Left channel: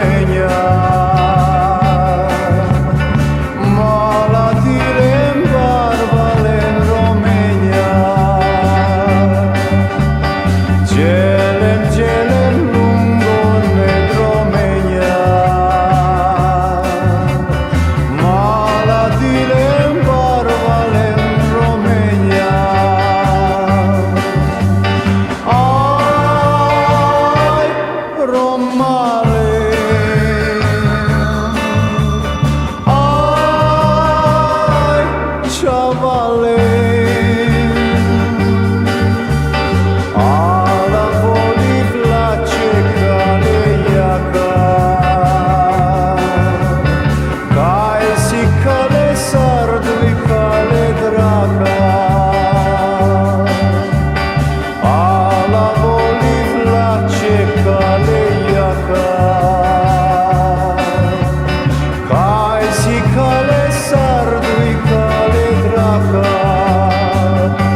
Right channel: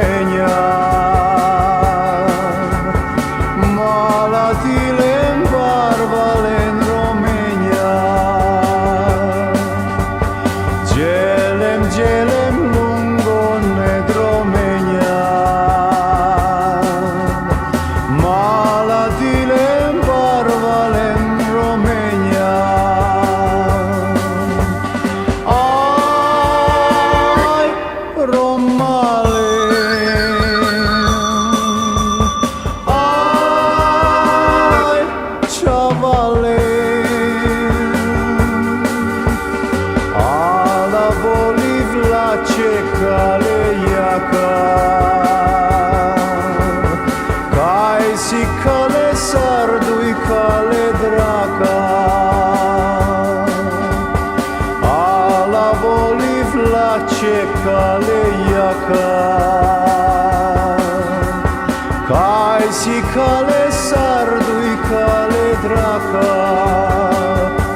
România. Malatile în barbale în România. Gelem lungo ned România. Malatile în barbale în România. Ai, Romale, ai, Ciavale, alla voliv la cecale iaca, cai si cale sardui cale draca, alla voliv la cecale iaca, cai si cale sardui cale draca.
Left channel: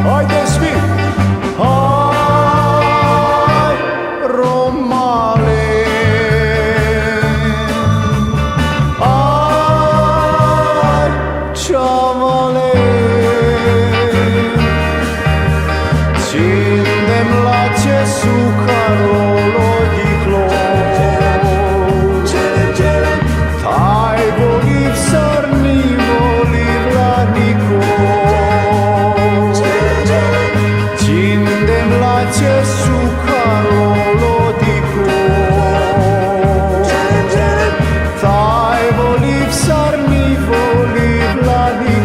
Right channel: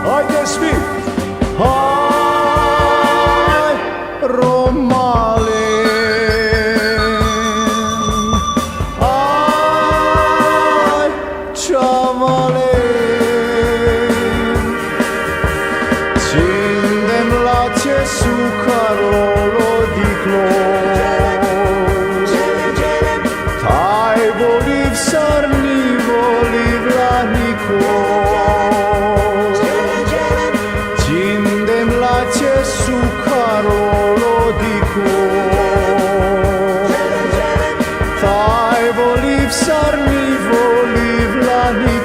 Haideți fi! Hai, Romale, ai, Ciavale, cindem la ce sucarolo di clor, tai voliv sarni voliv la nicor, cindem la ce sucarolo di cor, tai voliv sarni voliv la nicor.